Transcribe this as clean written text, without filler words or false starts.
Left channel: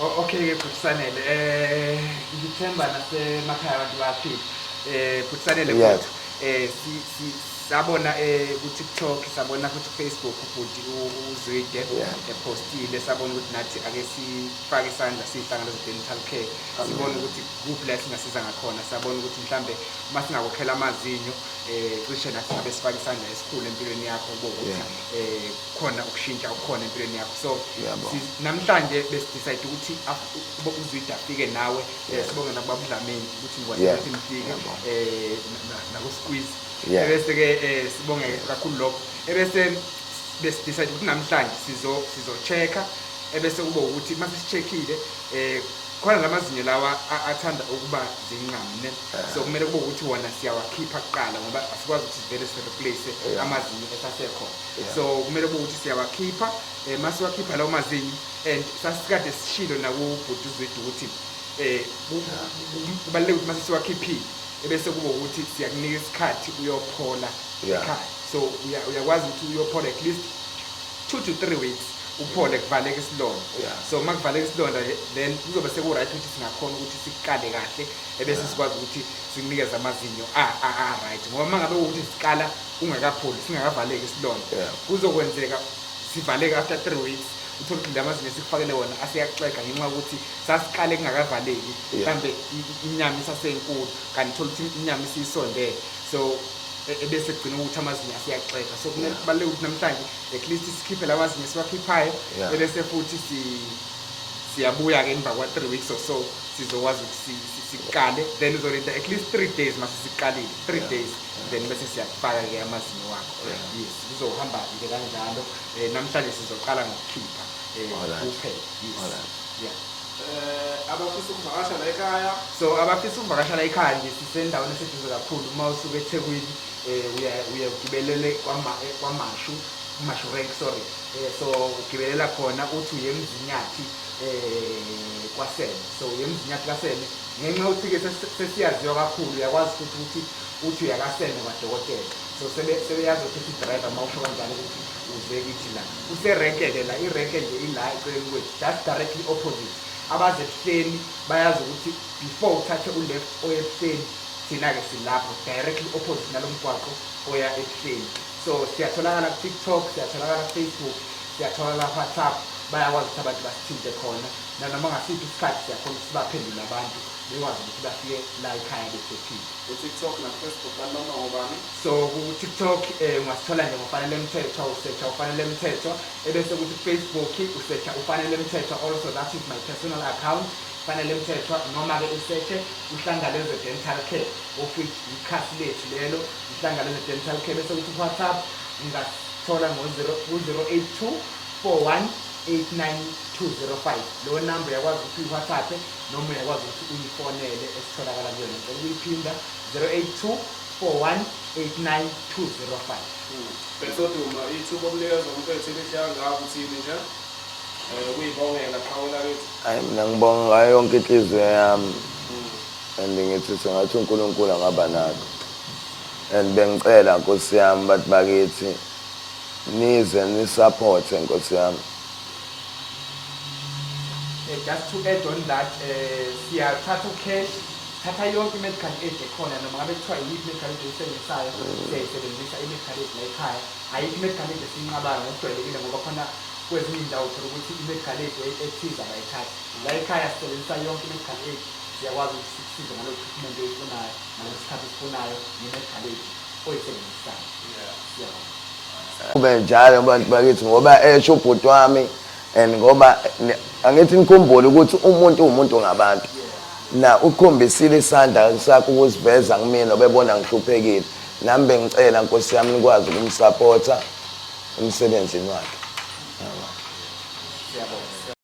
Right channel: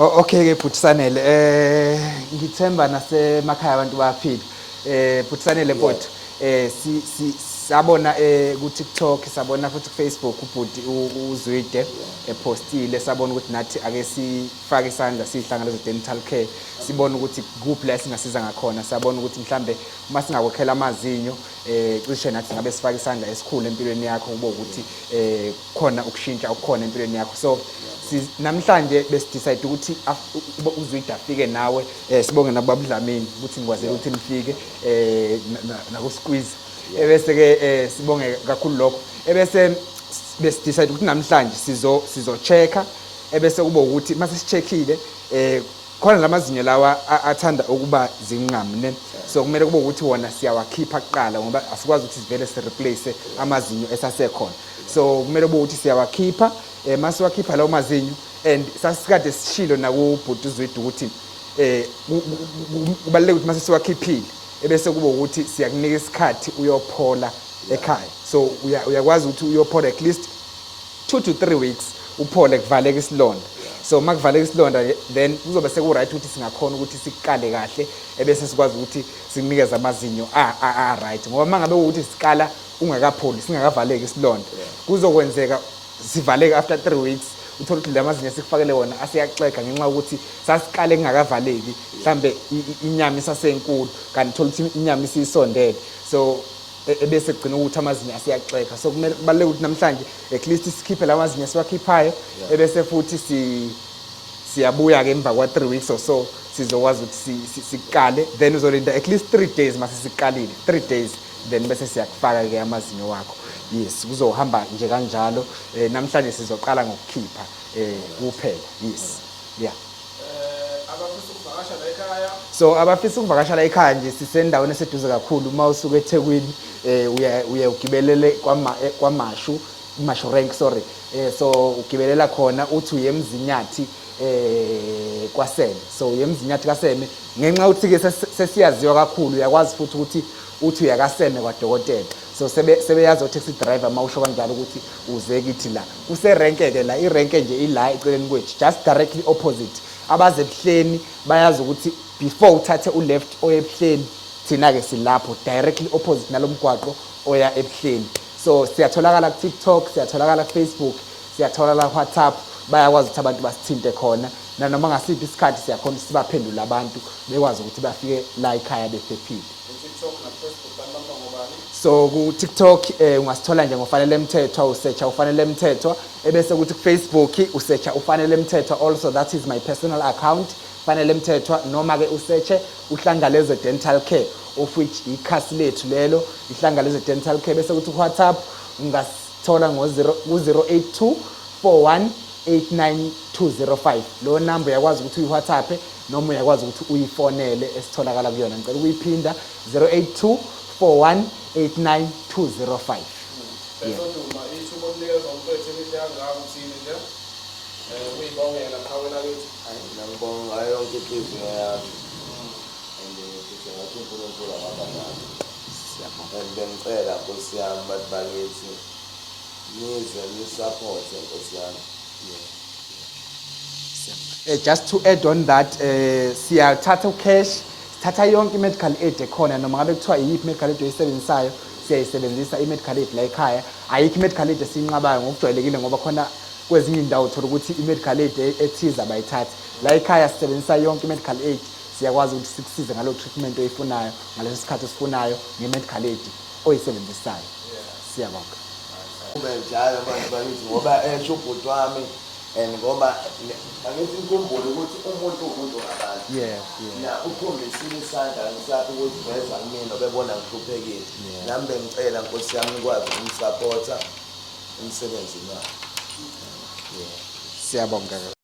Okay ke Phuthisanele ngithemba nasemakhaya abantu bayaphila Phuthisanele kodwa sabona ku TikTok sabona futhi Facebook ubhuti uZwide epostile sabona ukuthi nathi ake sifake isandla sihlanganele dental care sibona ukuthi kuphi la singasiza ngakhona sabona ukuthi mhlambe uma singakokhela amazinyo cishe nathi ngabe sifake isandla esikhulu empilweni yakho kube ukuthi khona ukushintsha okukhona empilweni yakho so namhlanje besidecide ukuthi uZwide afike nawe sibonge nababa Dlamini ukuthi ngikwazi ukuthi nifike naku squeeze ebese ke sibonge kakhulu lokho ebese besidecide ukuthi namhlanje sizo checka ebese kube ukuthi mase sicheckile khona lamazinyo lawa athanda ukuba zinqamu ne so kumele kube ukuthi wona siyawakhipha kuqala ngoba asikwazi ukuthi sivele si replace amazinyo esasekhona so kumele kube ukuthi siyawakhipha mase wakhipha lawo mazinyo and sasikade sishilo nakubhuti uZwide ukuthi kubaleka ukuthi mase siwakhiphile ebese kube ukuthi siyakunika isikhathi uyophola ekhaya so uyakwazi ukuthi uyophola at least 2 to 3 weeks uphole kuvaleka isilonda so makuvaleka isilonda then kuzobe seku right ukuthi singakhona ukuthi sikale kahle ebese sikwazi ukuthi sikunikeze amazinyo right ngoba mangabe ukuthi sikala ungakapholi singakavaleki isilonda kuzokwenzeka sivaleke after 3 weeks uthola ukuthi lamazinyo sikufakele wona asiyaxega ngenxa ukuthi sasikale kungakavaleki mhlambe inyama isasenkulu kanti uthola ukuthi inyama isisondele so ebese kugcina ukuthi amazinyo asiyaxega so kumele kubaleke ukuthi namhlanje at least sikhiphe lamazinyo siwakhiphayo ebese futhi siyabuya ke emva kwa 3 weeks or so sizokwazi ukuthi sikale then uzolinda at least 3 days mase sikalile 3 days then bese siyakufaka ke amazinyo wakho yes kuzohamba nje kanjalo namhlanje sizoqala ngokukhipha kuphela yes yeah abafisa ukuvakasha la ekhaya so abafisa ukuvakasha la ekhaya nje sisendaweni eseduze kakhulu uma usuka eThekwini uya ugibelele kwaMashu Mashu rank sorry so ugibelela khona uthi uye eMzinyathi kwaSene so uye eMzinyathi kwaSene ngenxa ukuthi ke sesiyaziwa kakhulu uyakwazi futhi ukuthi uthi uyakasene kwaDokotela so sebeyazi taxi driver mawusho kanjalo ukuthi uze kithi la userenke ke la irenke nje ila eceleni kwethu just directly opposite abaze ebuhleni bayazi ukuthi before uthathe uleft oya ebuhleni thina ke silapho directly opposite nalomgwaqo oya ebuhleni so siyatholakala ku TikTok siyatholakala ku Facebook siyatholakala ku WhatsApp bayakwazi ukuthi abantu basithinte khona nanoma ngasiphi isikhathi siyakhona sibaphendula abantu bekwazi ukuthi bafike la ekhaya bephephile TikTok na Facebook banoma ngobani so ku TikTok ungasithola nje ngofanele Mthethwa usearcha ufanele Mthethwa ebese ukuthi ku Facebook usearcha ufanele Mthethwa also that is my personal account fanele Mthethwa noma ke usearche uhlangaleze dental care of which ikhasi lethu lelo ihlangaleze dental care bese ukuthi ku WhatsApp ungasithola ngo 08241892005 lo number yakwazi ukuthi uWhatsApp noma uyakwazi ukuthi uyifonele esitholakala kuyona ngicela ukuyiphinda 08241892005 besoduma ithuba omnikeza umfethu elihlanga ngawo uthini nje ukuyibongela qhawela lethu hayi mina ngibonga ngayo yonke inhliziyo yami and ngithi sengathi uNkulunkulu angaba nakho and bengicela Nkosi yami bathi bakithi nize ni support Nkosi yami just to add on that siyathatha cash thatha yonke medical aid ekhona noma ngabe kuthiwa yiphi medical aid oyisebenzisayo siyayisebenzisa i-medical aid la ekhaya ayikho medical aid esinqabayo ngokujwayelekile ngoba khona kwezinye indawo uthola ukuthi i-medical aid ethiza bayithatha la ekhaya sisebenzisa yonke medical aid siyakwazi ukuthi sikusize ngalo treatment oyifunayo ngaleso sikhathi osifunayo nge-medical aid oyisebenzisayo siyabonga kube njalo abantu bakithi ngoba esho ubhuti wami and ngoba angithi nikhumbule ukuthi umuntu umuntu ngabantu na ukhombisile isandla sakho ukuziveza kumina obebona ngihluphekile nami bengicela Nkosi yami nikwazi ukumsupporta emsebenzini wakhe siyabonga